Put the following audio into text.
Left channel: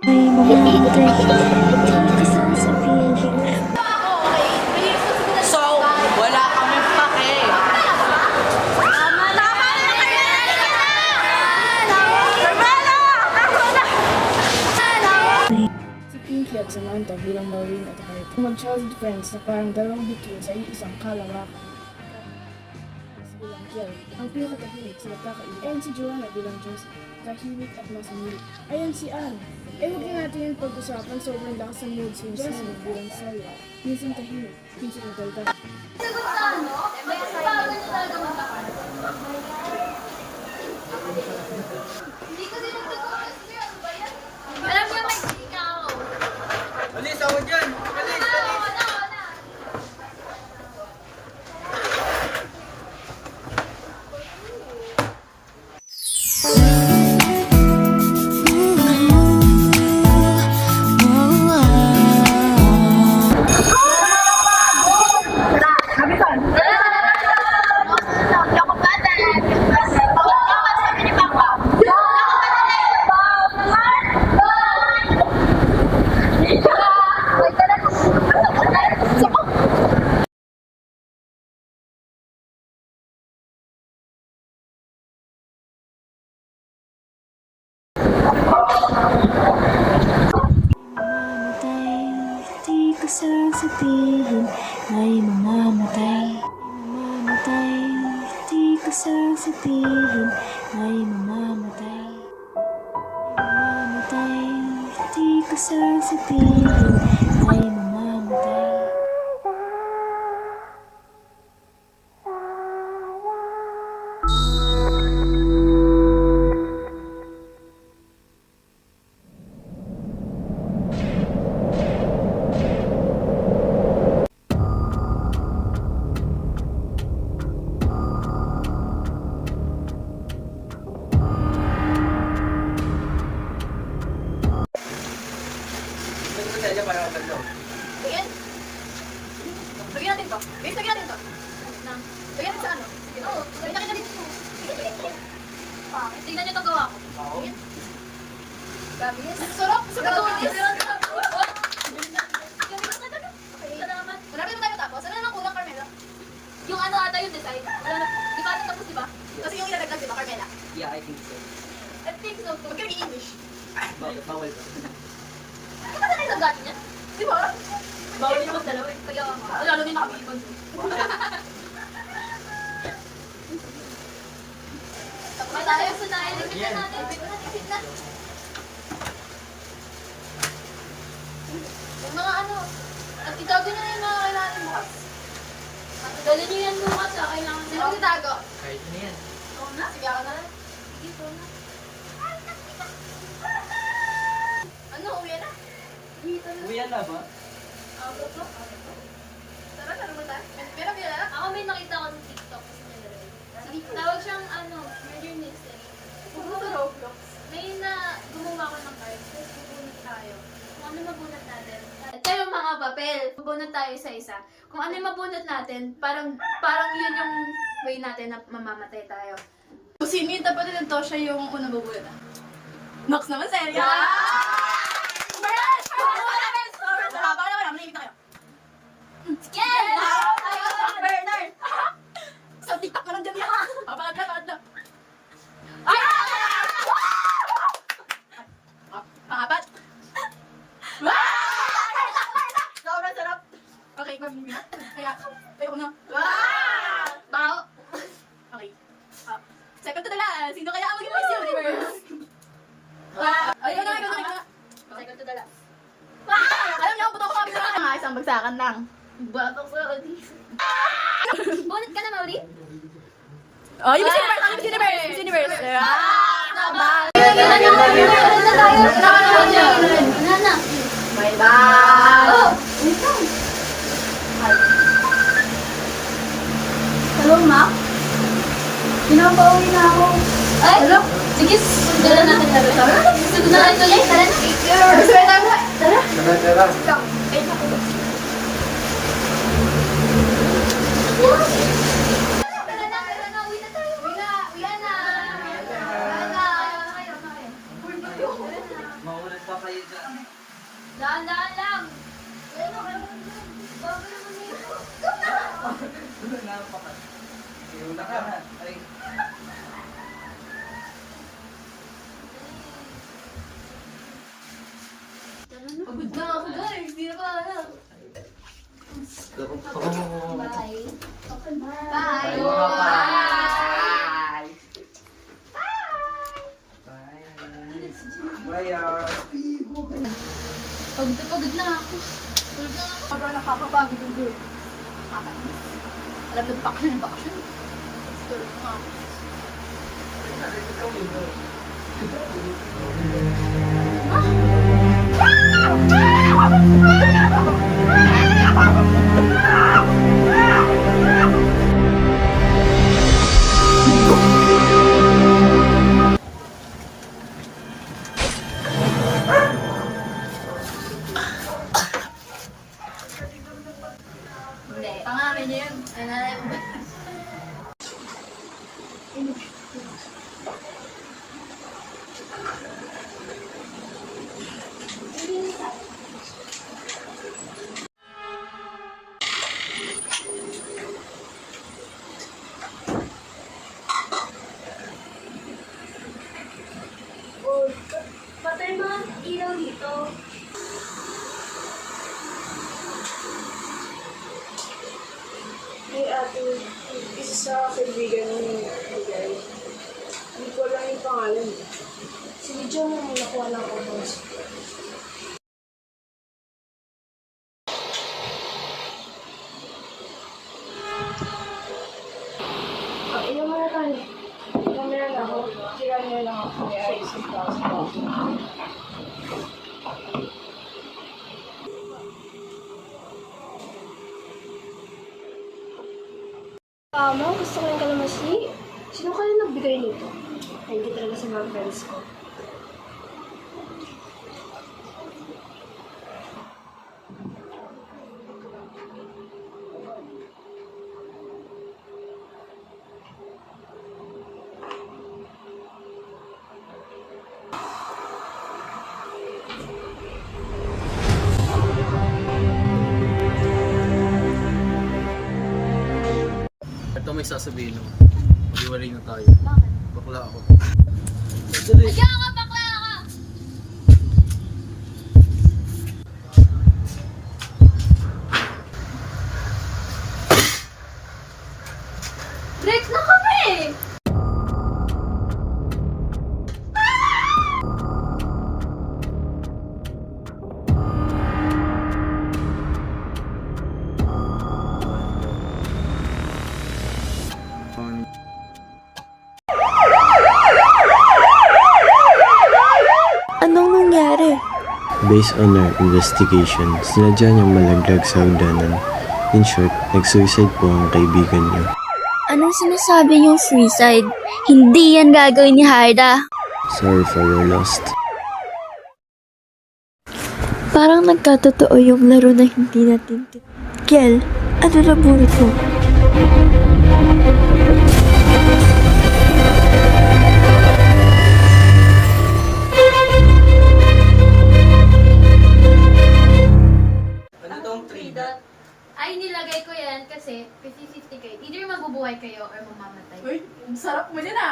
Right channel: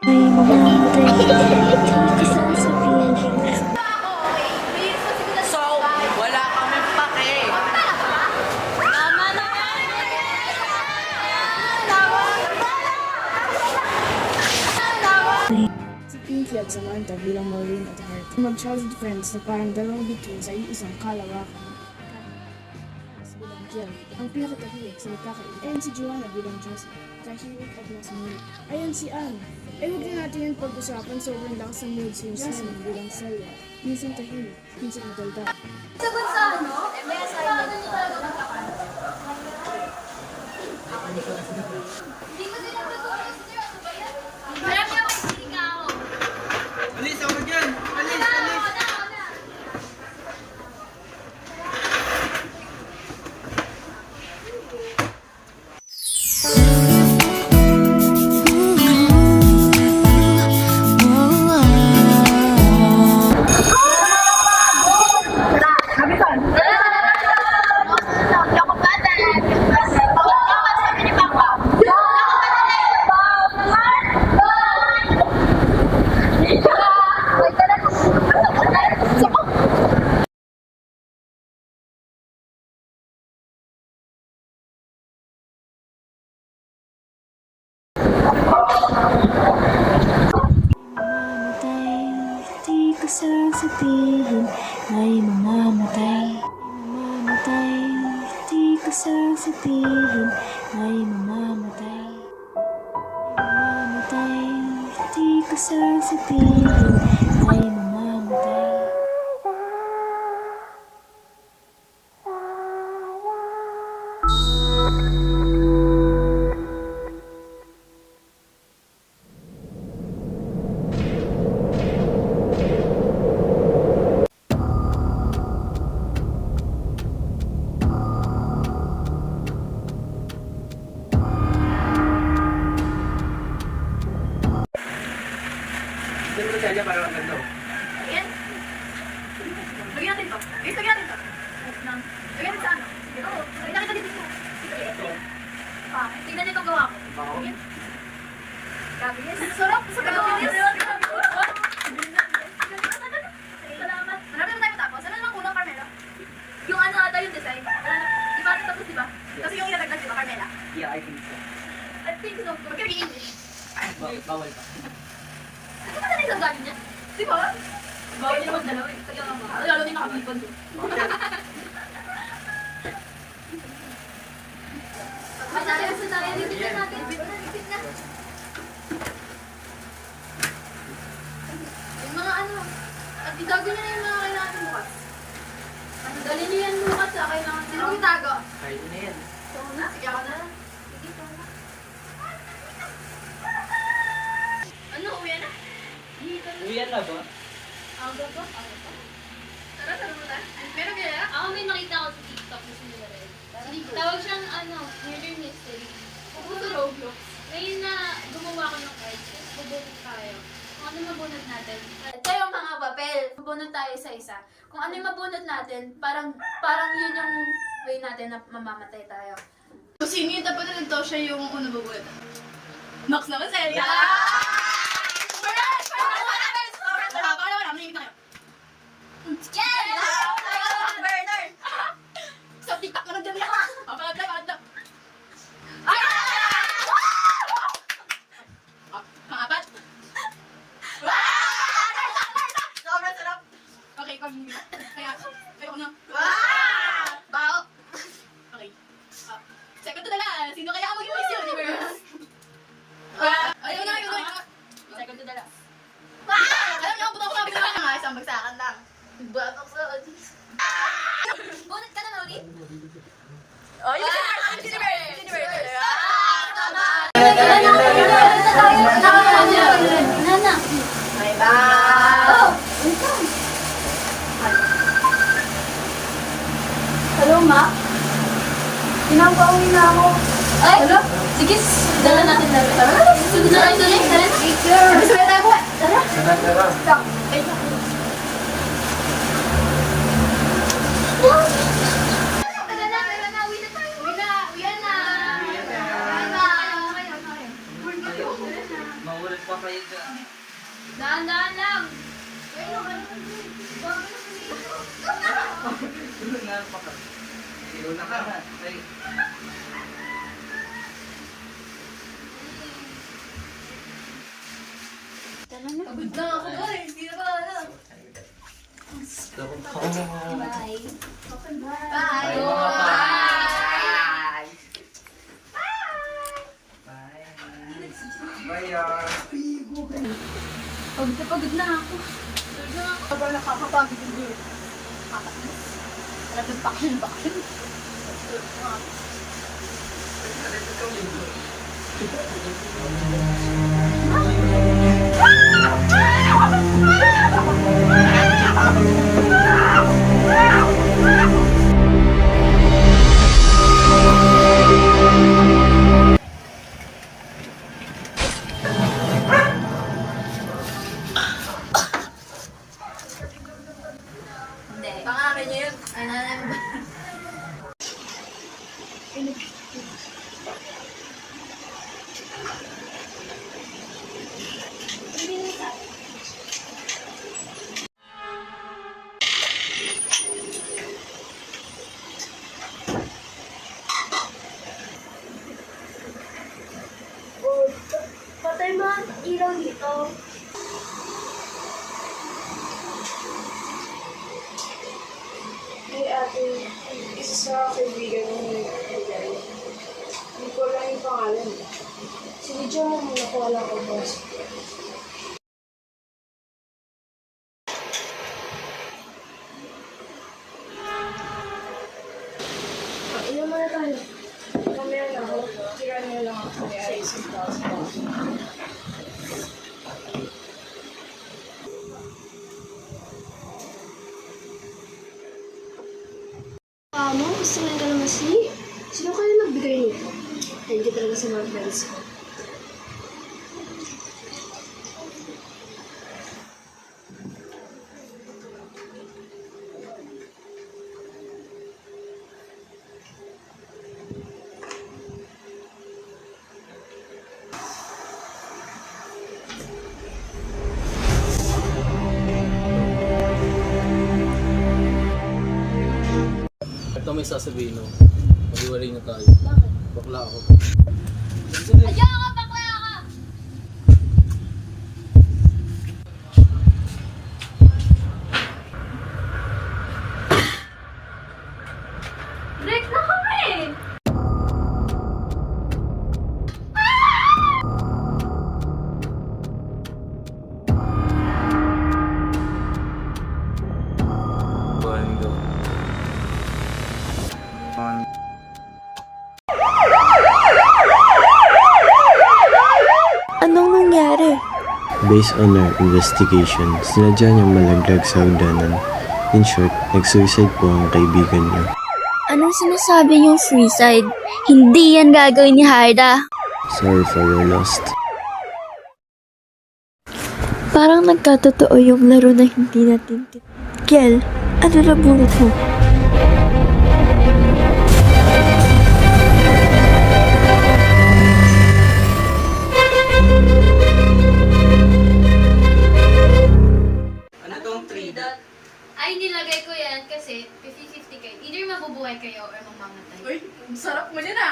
May mamamatay, di ko sasabihin. So, wala kaming pake. Si Pinky at Samantha bilang Maureen at Hank mag-childhood friends na parang dalawang bituin sa isang kalawak. Bilang Jill, ang pinakatahimik sa nagkakait. Ayan si Joanna bilang Josie, tahimik at masamit. Ayan si Anne. Huwag din natin yung pag-usapan sa sobrang lakas ng mood si Josie bilang Sally. Minsan tahimik, minsan nagdalda. Alis, tawag yan. Alis, alis. Mamamatay, di ko sasabihin. May mamamatay, mamamatay, di ko sasabihin. May mamamatay, mamamatay, di ko sasabihin. May mamamatay. Saan mo sila para ang ganda? Ayan. Lagyan natin to. Guys, lagyan natin to. Lagyan natin sa ano? Oo. Lagyan natin dito. Tingnan niyo itong gawa ko. Ako? Sabi niya. Sarap. Sa gawa niya. Salamat. Marami na tayo matapos. Ano naman unang Carmela? Yung ano ata yung design. Di ba tapos di ba? Kasi yung inagagdag di ba Carmela? Yeah, I think so. I think so. Magkano yung English? Bawal ka. Ano ba na isang galing niya? Di ba? Bawal niya naman dalawa. Kaya nga. Lalo din nakapipon. Matayos na tayo. Repeat na natin. Repeat na. Yung mga ano. At itago niyo na yung mga kailangan natin bukas. Dali niyo yan bukas ha. Kailangan. Sino ang itago? Kahit na yan. Ikaw na. Sige ako na. Sige, ikaw na. Ano? Uwi na? Uwian na ba? Ako po? Ako po? Tara, tara ba tayo? Pero kaya? Ako may nakita ko sa TikTok kasi nilagay. Tawag siyang ano, murder mystery. Pupunta sa Roblox. May na gumawa ko ng cards, tapos bubunot tayo. Kung ano mabunot natin. Ito yung mga papel. Bubunot tayo sa isa. Kung ano yung mabunot natin, parang yun yung way natin na mamamatay tayo. Kung sino yung tapat ng Tosha yung unang bubulot. Max naman sa'yo. Bernard! Sa TikTok ka lang dyan. Papalag na. Pangapat. Sobrang sarap! Okay, kaya kayo na. Bao! Okay. Second to the last. Sino kaya ang maging Miss Universe? Ayun na. Second to the last. Alam niyo, buto ko kami nga isang bagsakan lang. Babak sa Bunot ka na, Mauri? Oh, yung Miss Universe. Nana. May bao. Oh, ito. Hello, ma? Pinapauwi na ako. Ay, sige, dala natin na rin. Tara, sunod na ito guys. Tara, speaker. Sabay tayo mo. Tara. Tara. Maulit pa kayo dyan. Pagod na ako guys, hindi na pa alam. Bye. Bye! Pagod na ako. Sobrang nakakapagod yung girl. Lapit baksyon. Hindi, pangalan niya yun. Ay, nanay mo ba? Patay mo ang ilaw dito. Hey ate, isa sa kaibigan ni Miguel. Hindi ko lang yung pangalan. Sige, John mo muna kuha lang ko, boss. Ilan mo na tayo? Kamera na ako. Tira niyo lang ako. Kaya isang taas ko. Ma'am, gusto ko yung kalamansi. Sino kayo nagbigay nito? Thank you talaga sa mga friends ko. Ito may sasabihin mo. Mag-iwalay na tayo. Bakit? Bakla ako. Adya ka, bakla ka! Break na kami! Anong nangyari? Based on our investigation, sinadya niyang malaglag sa hagdanan. In short, nag-suicide po ang kaibigan niyo. Anong sinasabi niyong suicide? Hindi yan gagawin ni Harda. Sorry for your loss. Parang nagkatotoo yung laro na hindi natin Kel, ano na bunot mo? Ano tong 3 dot? Ay, nilagay ko yan kasi 50-50 kayo. Either mabubuhay kayo or mamamatay. Uy, ang sarap mo dyan ah.